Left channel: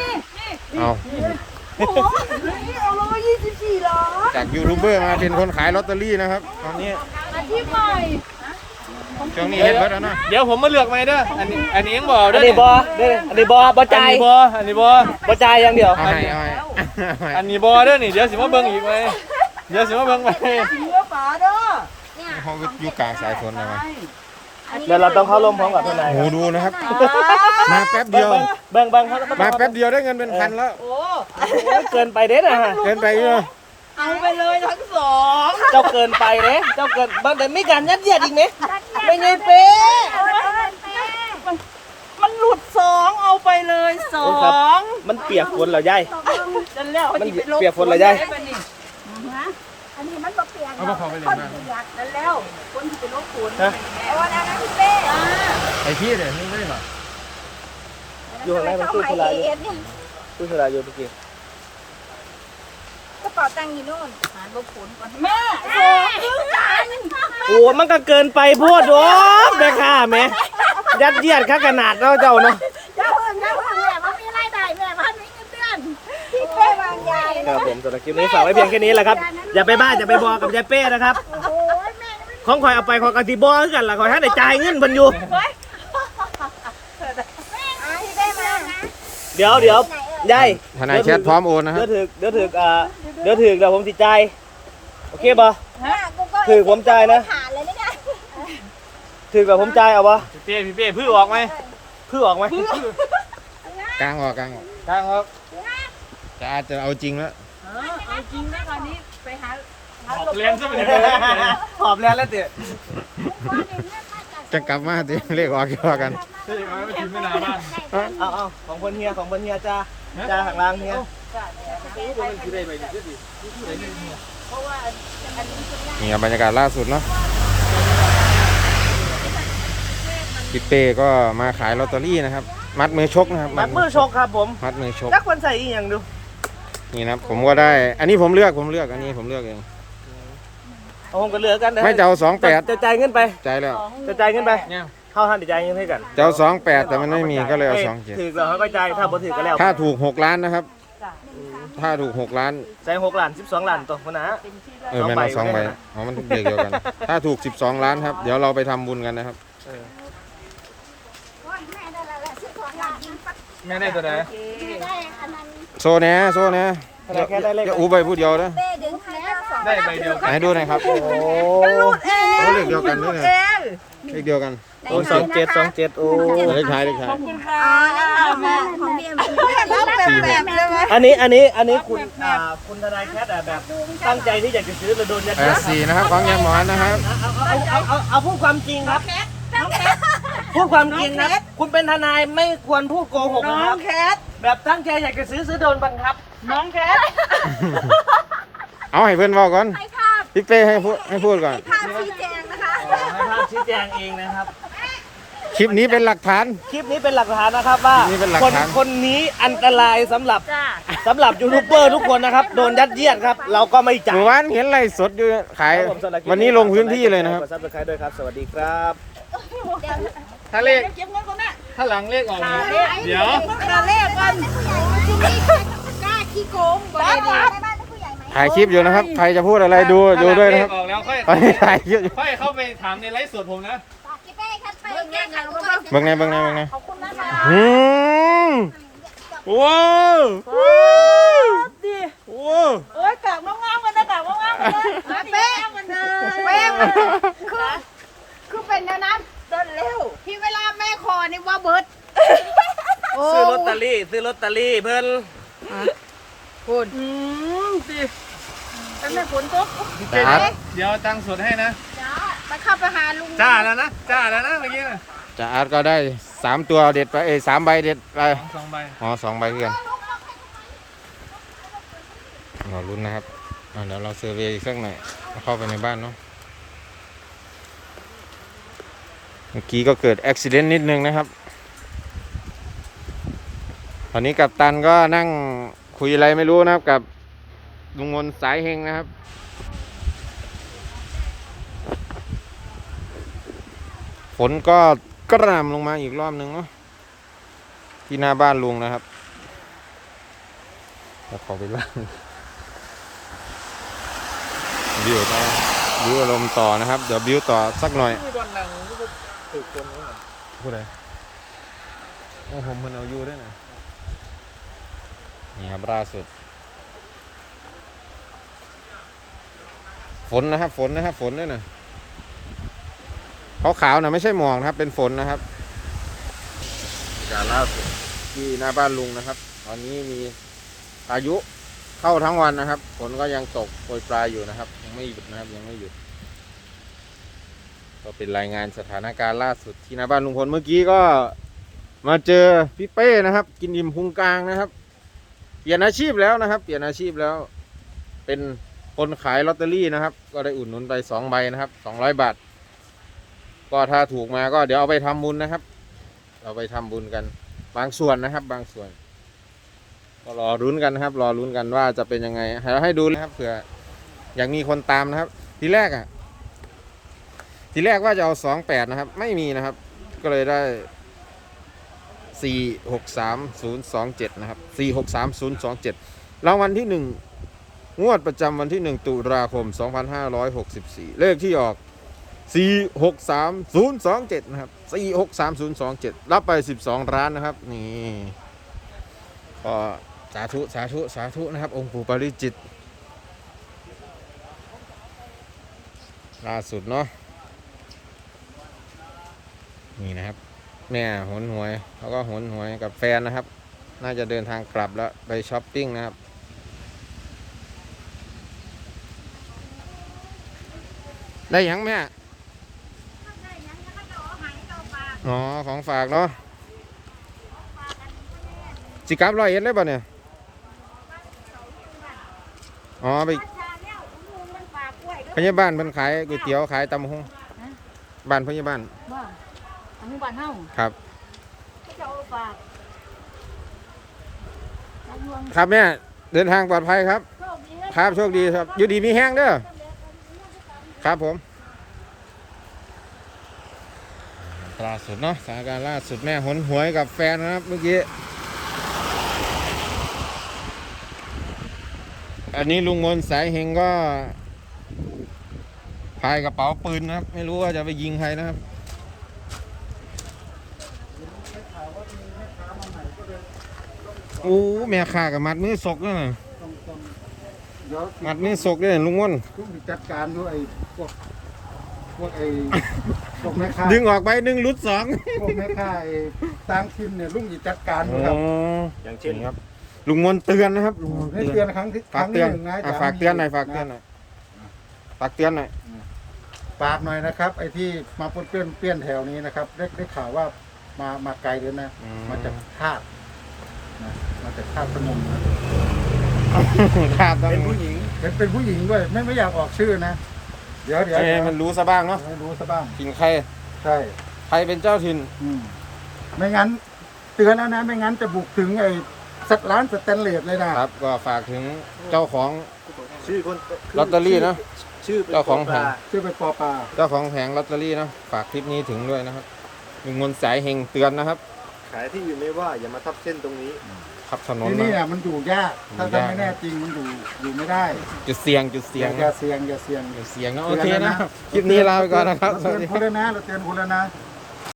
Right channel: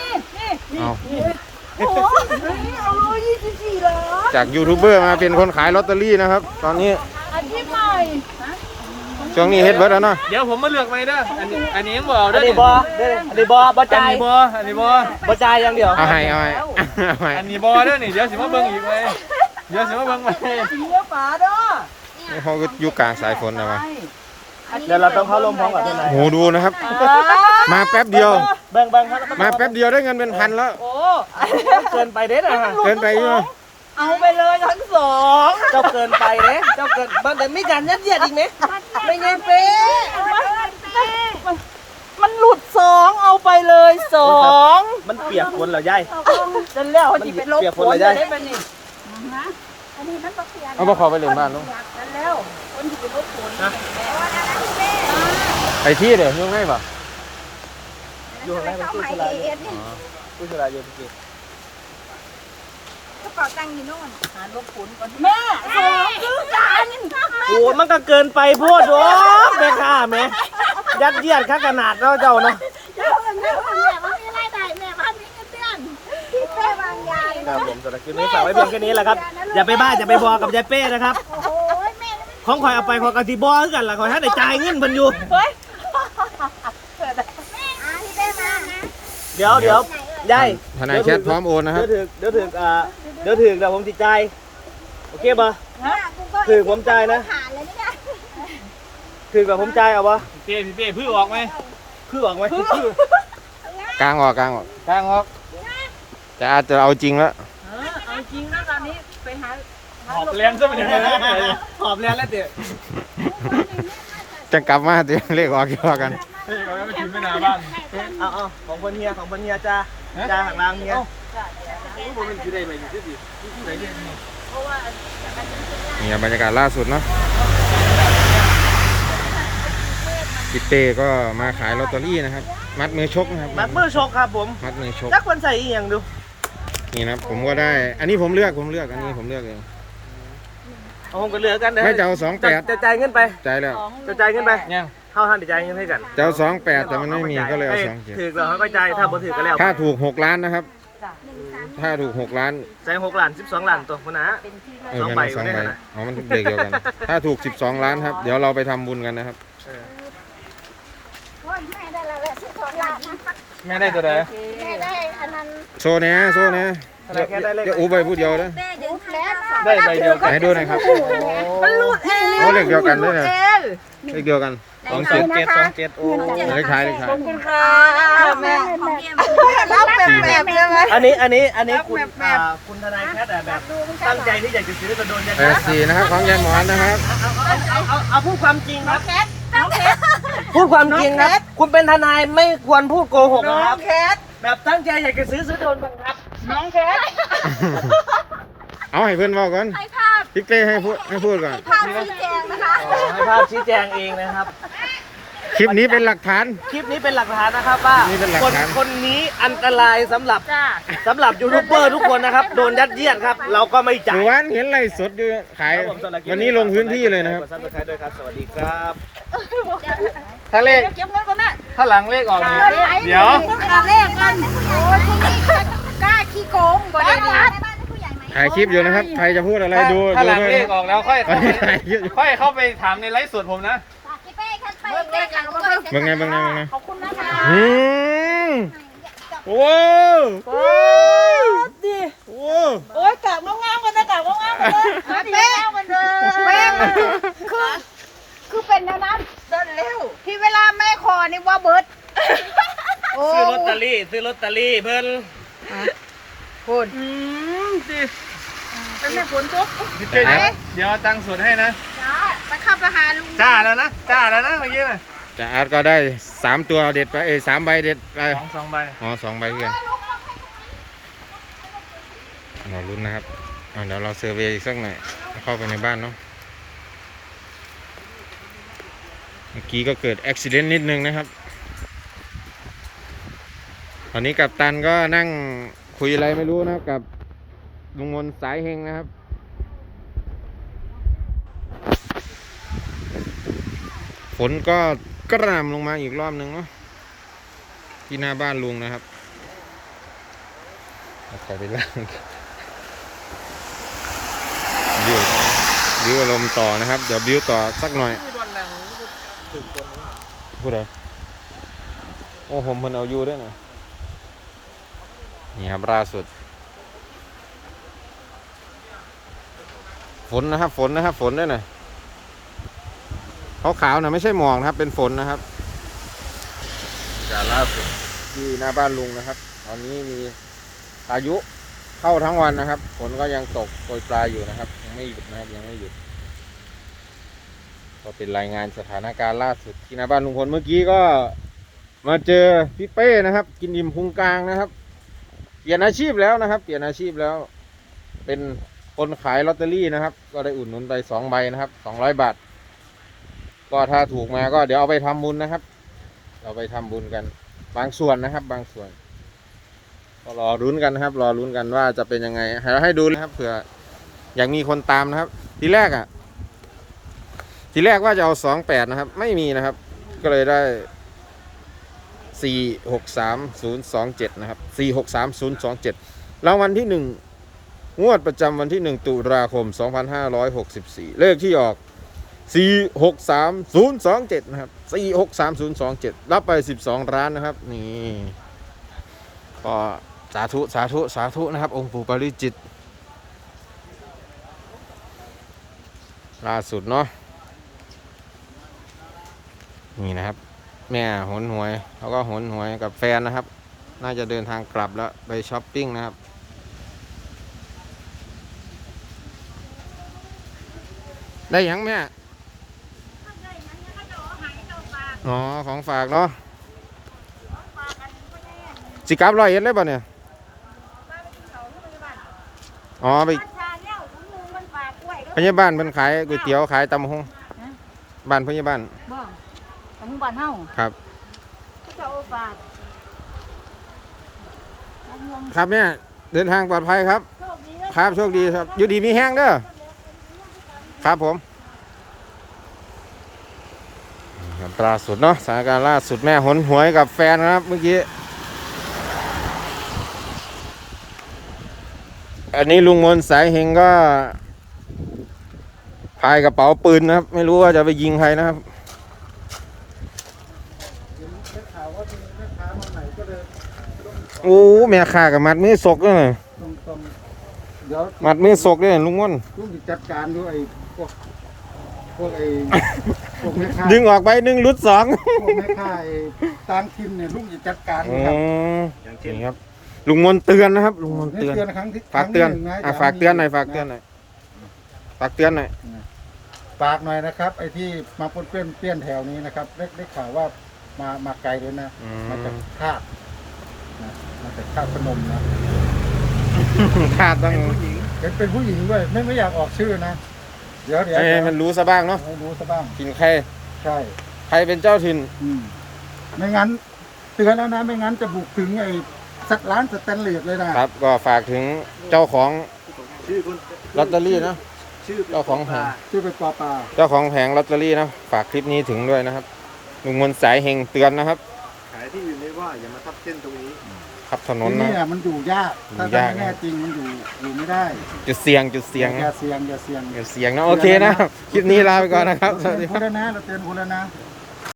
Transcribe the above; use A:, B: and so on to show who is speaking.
A: นี่นี่
B: เอา
A: โอ้โหเอาเลยยี่สิบสี่ล้าน
B: จากยูทูบเบอร์มาเป็นคนขายลอตเตอรี่นะครับ ตอนนี้
A: อาชีพใหม่
B: ช่วงนี้เฮ็ดเบิร์ดแล้วเนาะ
C: เดี๋ยวผมมาเลือกไหมเด้ออันนี้อันนี้ยังบอก
D: อั
C: เด้
D: น
C: อ
D: นี้บอเด้ออันนี้บอบอ
C: อัน
D: จ่าย
C: นี้บออันนี้บอ
D: บ่จ่ายอย่างเดียว
B: เอาให้เอาให้เอาให้
C: อันนี้บอเด้อนี่เดี๋ยวสิมาเบิ่งอีกไหมเดี๋ยวสิมาเบิ่งไหม
A: เนื้อปลาเด้อ
B: เขาก็อยู่กลางสายฝนเลยวะ
D: เดี๋ยวเราต้องเข้าลมพร้อมกันเลย
B: โหดูนะครับ มาแป๊บเดียว
D: เบิ่งเบิ่งครับ
B: มาแป๊บเดียวได้เงินเป็นพันแล้ว
A: โอ้
D: เกินไปเด้อนะ
B: เกินไปอยู่เนอะ
A: เอาไปเลยทั้งสอง
D: เจ้าเกินไปเด้เจ้าเกินบ้านแต่ไม่การยัดเยียดอีกเนี่ยไม่เงินเป๊ะ
A: มันหลุดสองเอาไปเลยสอง
D: มันเปียกฝนเหรอยาย
A: จนแล้วที่เป็นลบ
D: เปียกฝ
A: ฝ
D: น
A: น
D: เลยได้
A: ได้ไหมนี่
B: เอาพวกเขาไปเล่นบ้านเนาะ
A: นั่นแล้วคนที่เป็นลบฝนนี่เป็นแม่เอาแล้วนะพี่เป้จ้า
B: ไปที่เลยยังไงปะ
D: อยู่ข้างในมันตู้สุราอยู่ตู้สุราอยู่เมื่อกี้
A: หาลบฝนก่อนแม่สองคือกัน
D: โอ้มันก็เกินไปพูดโอ้แม่ค้าแม่ยัดเยียดข้าขนาดเราเจ้าเนาะ ครับผมสำหรับคลิปนี้ฝากไว้เพียงแค่นี้แหละครับ อย่าไปบ้าอย่าไปบอกกับยายเป้นะครับ ของคอยเอาไปคอยกติบอคือกันล่ะคอยให้ได้จ่ายเงินเพิ่นอยู่ เดี๋ยวเดี๋ยวยาย
B: ทนายแคทพร้อมโอนนะครับ
D: เดี๋ยวถึกเดี๋ยวถึกอ่าเดี๋ยวถึกเดี๋ยวผมจิจ่ายโอเคป่ะ
A: ฮะ
D: ถึกผมจ่ายนะถึกกับผมจ่ายเอาป่ะ
C: พี่เป้พี่เป้พื้อออกไหม
D: คือออกไหมคือก
B: ลางออกกลางออก
C: กลางออก
B: แต่อาจจะเอาจริงแล้ว
A: เออเอาจริงนะคราวนี้ไปหา
C: หอบแรงซะเป็นเลย
D: หอบแล้วแล้วเดี๋ยว
B: จะกลับมาเดี๋ยวเลขออกเกี่ยวกัน
C: เฮ้ยเอาไว้มากินไม่นาบ้าน
D: เอาเอาของคนเฮียของคนเฮียจ้าจ้าหักล้างเฮีย
C: ผมเป็นสิได้ไปดิสิผู้ใดเรียกนี่
B: นี่ครับบรรยากาศล่าสุดเนาะพี่เต้ก็มาขายลอตเตอรี่นะครับ มัดมือชกนะครับ
D: มัดมือชกครับผม
B: มัดมือชก
D: จักคนใส่อีหยังดู
B: นี่นะครับผมก็ได้ อันนี้ผมเลือกผมเลือกอันนี้ผมเลือกเอง
D: เอาผมก็เหลือกันนะ
B: ไม่จะเอาสองแปด
D: จะจ่ายเงินไป
B: ใจแล้ว
D: จะจ่ายเงินไป
C: ยัง
D: เข้าท่านจะจ่ายเงินให้กัน
B: จะเอาสองแปดแต่มันไม่มีก็เลยเอาสองเจ็ด
D: ถือเราให้ไปจ่ายถ้าบ่ถือก็แล้ว
B: ถ้าถูกหกล้านนะครับ ถ้าถูกหกล้าน
D: ใส่หกล้านสิบสองล้านตัวคนนะ
B: เออแม่นเอาสองใบอ๋อมันเด็กเดียวกัน ถ้าถูกสิบสองล้านครับ เดี๋ยวเราไปทำบุญกันนะครับ
C: ไม่ได้ตัวใด
E: แม่ได้อันนั้น
B: โซแหนะโซแหนะอย่าอย่าอูไปพูดเดียวนะ
E: แม่ดึงแล้ว
C: ได้ใบเดียวกัน
B: ไหนดูหน่อยครับ
A: มันหลุดเอง
B: โอ้เลขเดียวกันด้วยนะ
A: เอง
B: เลขเดียวกันสอง
D: ส
B: เจ็
D: อ
B: ด
D: งเจ็ดสองเจ็ดโอ้
B: เลขท้ายเลขท้าย
E: แม่ของเดียม
A: เราเป็นแบบเลยไหม
D: อันนี้อันนี้อันนี้คุณอ่าคุณทนายแคทอะแบบตั้งใจที่อยากจะซื้อระดนเนี่ย
B: แปดสี่นะครับของยายหมอนนะครับ
D: เอาเอาเอาเอาพูดความจริงครับ พูดความจริงนะคุณเป็นทนายไม่ควรพูดโกหก
A: น้
D: นะ
A: อ
D: ครั
A: ง
D: บ
A: แคท
D: แบบตั้งใจอยากจะซื้อซื้อโดนบังคับ
A: น้องแคท
B: เอาให้เพื่อนบอกก่อน
E: ให้ภาพ
B: พี่เป้ให้พูดให้พูดก่อน
E: ภาพชี้แจงนะคะ
D: ให้ภาพชี้แจงเองนะครับ
B: คลิปนี้เป็นหลักฐาน
D: คลิปนี้เป็นหลักฐานนะครับว่า
B: คลิปนี้เป็นหลักฐาน
D: คคนนี้อันตรายสำหรับ
A: จ้า
D: สำหรับยูทูบเบอร์ทุกคนนะครับ โดนยัดเยียดครับ เราก็ไม่จ่าย
B: เมื่อวานเห็นไลฟ์สดอยู่ขายวันนี้ลงพื้นที่เลยนะครับ
D: กดซับสไครต์ด้วยครับ สวัสดีครับ
C: ถ้าเลข
A: เก็บเงินก่อนนะ
C: ถ้าหลังเลขออกนี่เดี๋ยว
E: ต้องขาเลขกันโอ้ยที่นี่กล้าขี้โกงบ่ได้ดีในบ้านผู้ใหญ่ไหม
B: ถ่ายคลิปอยู่นะครับ ใครจะพูดอะไรดู
C: ถ้า
B: ดู
C: หลัง
B: ด้วย
C: เล
B: นะค
C: ข
B: รับ
C: ออกแล้วค่อย
B: ตอนนี้ถ่ายคลิปอยู่
C: ค่อยเข้าไปถามในไลฟ์สดผมนะ
E: พี่เป้คัดไปแก้ไขก็ไป
B: เบิ่งไงเบิ่งไงเบิ่งไง
E: ขอบคุณนะคะ
B: อืมว้าวโอ้
A: โอ้ยกลับงามๆกันนะกลับงามๆเลยเป๊ะเหมือนเดิมเป๊ะ
E: คือคือเป็นแนวนั้น
A: เดินเร็ว
E: ที่เวลาแม่คอนี่ว่าเบิร์ดโอ้
D: ซื้อลอตเตอรี่ซื้อลอตเตอรี่เพิ่น
A: คุณอืมดิเป็นแม่ฝนตก
C: พี่เป้เดี๋ยวเดี๋ยวเอาตังค์สดให้นะ
E: จ้าไป เข้าไปหาลุง
C: จ้าแล้วนะจ้าแล้วนะเมื่อกี้น่ะ
B: จะอาร์ตก็ได้สามตัวเด็ดไปเอ้ยสามใบเด็ดไป
C: สองสองใบ
B: อ๋อสองใบเพื่อนเราลุ้นนะครับอะเดี๋ยวเราเซอร์เวย์อีกสักหน่อยเอาเข้าไปในบ้านเนาะเมื่อกี้ก็เกิดอุบิเหตุนิดนึงนะครับ ตอนนี้กับตันก็นั่งคุยอะไรไม่รู้นะครับกับลุงมนสายเฮงนะครับ ฝนก็กระหน่ำลงมาอีกรอบหนึ่งเนาะที่หน้าบ้านลุงนะครับแล้วขอไปล่างบิวต่อบิวอารมณ์ต่อนะครับ เดี๋ยวบิวต่อสักหน่อยพูดอะไรโอ้ผมมันเอาอยู่ด้วยนะนี่ครับล่าสุด ฝนนะครับ ฝนนะครับ ฝนด้วยนะ ขาวๆนะไม่ใช่หมอกนะครับ เป็นฝนนะครับการล่าสุดที่หน้าบ้านลุงนะครับ ตอนนี้มีพายุเข้าทั้งวันนะครับฝนก็ยังตกโปรยปลายอยู่นะครับ ยังไม่หยุดนะครับยังไม่หยุด ก็เป็นรายงานสถานการณ์ล่าสุดที่หน้าบ้านลุงพลเมื่อกี้ก็มาเจอพี่เป้นะครับ กินอิ่มพุงกลางนะครับเปลี่ยนอาชีพแล้วนะครับ เปลี่ยนอาชีพแล้ว เป็นคนขายลอตเตอรี่นะครับ ก็ได้อุดหนุนไปสองใบนะครับสองร้อยบาท ก็ถ้าถูกมาก็เดี๋ยวเอาไปทำบุญนะครับ เราไปทำบุญกัน บางส่วนนะครับ บางส่วน ก็รอรุ้นกันนะครับ รอรุ้นกันว่าจะเป็นยังไงให้ให้ดูนะครับเผื่ออยากมีคนตามนะครับ ทีแรกอะ ทีแรกว่าจะเอาสองแปดนะครับ ไม่มีนะครับ ก็เลยได้สี่หกสามศูนย์สองเจ็ดนะครับสี่หกสามศูนย์สองเจ็ดรางวัลที่หนึ่งงวดประจำวันที่หนึ่งตุลาคมสองพันห้าร้อยหกสิบสี่เลขที่ออก สี่หกสามศูนย์สองเจ็ดนะครับสี่หกสามศูนย์สองเจ็ดรับไปสิบสองร้านนะครับ นี่ ก็สาธุสาธุสาธุนะครับ องค์ปู่ปาริจิตล่าสุดเนาะนี่นะครับ แม่หนหวยเขาก็หนหวยกับแฟนนะครับ น่าจะเดินทางกลับแล้วไปช้อปปิ้งนะครับได้ยังแม่ อ๋อ ของฝากเนาะสิกลับร้อยเอ็ดเลยป่ะเนี่ยอ๋อไป
E: ชาเนี่ยคุณลุงมันฝากกล้วยก็
B: พยาบาลมันขายก๋วยเตี๋ยวขายตำหง
E: ฮะ
B: บ้านพยาบาล
E: บ่ทางบ้านเฮา
B: ครับ
E: เขาจะเอาฝากทางหลวง
B: ครับเนี่ยเดินทางปลอดภัยครับ
E: โชคดีเลย
B: ครับโชคดีครับอยู่ดีมีแห้งเด้อครับผมนี่ครับ ล่าสุดเนาะสถานการณ์ล่าสุดแม่หนหวยกับแฟนนะครับเมื่อกี้ อันนี้ลุงมนต์สายเฮงก็พายกระเป๋าปืนนะครับ ไม่รู้ว่าจะไปยิงใครนะครับ
C: ได้ข่าวว่ามีแม่ค้ามาใหม่ก็เลย
B: โอ้แม่ข่ากับมัดมือศกด้วย
C: ต้องต้องเดี๋ยว
B: มัดมือศกด้วยลุงมนต์
C: ลุงจัดการด้วยไอ้พวก พวกไอ้พวกแม่ค้า
B: ดึงออกไปหนึ่งรุดสอง
C: พวกแม่ค้าไอ้ตางทิมเนี่ยลุงจะจัดการ
B: อ๋
C: ด้วยครับ
B: อ
D: อย่างเช่น
B: นี่ครับ ลุงมนต์เตือนนะครับ ลุงมนต์
C: ให้
B: เตือน
C: เตือนครั้งที่
B: ฝากเตือน
C: ครั้งที่หงะ
B: อะ
C: ย่
B: ฝากเตือนหน่อย
C: มี
B: ฝากเตือนหน่อย ฝากเตือนหน่อย
C: ฝากหน่อยนะครับ ไอ้ที่มาปนเปื้อนเปี้ยนแถวนี้นะครับได้ได้ข่าวว่ามามาไกลเลยนะ
B: อื
C: มาจากคาดนะมาจากคาดพนมนะ
B: ขาดต้อง
C: เป็นเป็นผู้หญิงด้วย ไม่ไม่อยากออกชื่อนะ เดี๋ยวเดี๋ยว
B: ให้มันรู้ซะบ้างเนาะ
C: ให้รู้ซะบ้าง
B: กินใคร
C: ใช่
B: ใครเป็นเจ้าถิ่น
C: อืมไม่งั้นเตือนแล้วนะ ไม่งั้นจะบุกถึงไอ้สักร้านสแตนเลสเลยนะครับ
B: ก็ฝากถึงเจ้าของ
D: ชื่อคน
B: ลอตเตอรี่นะ
D: ชื่อ
B: เจ้าของแผง
C: ชื่อเป็นปอปลา
B: เจ้าของแผงลอตเตอรี่นะฝากคลิปนี้ถึงด้วยนะครับลุงมนต์สายเฮงเตือนนะครับ
D: ขายที่อยู่นี้ว่าอย่ามาทับเส้นตรงนี้
B: ขับถนน
C: ที่
B: นะ
C: นี่อะมันอยู่ยาก ถ้า
B: อยู่าก
C: ถ้ายไม่แน่จริงมันอยู่อยู่ไม่ได้
B: จุดเสี่ยงจุดเสี่ยง
C: อย่า
B: นะ
C: เสี่ยงอย่าเสี่ยง
B: อย่าเสี่ยงนะโอเคนะ คลิปนี้ลาไปก่อนนะครับส
C: เรา
B: วัส
C: เตื
B: ดี
C: อน
B: ค
C: คุ
B: รับ
C: ณแล้วนะเราเตือนคุณแล้วนะ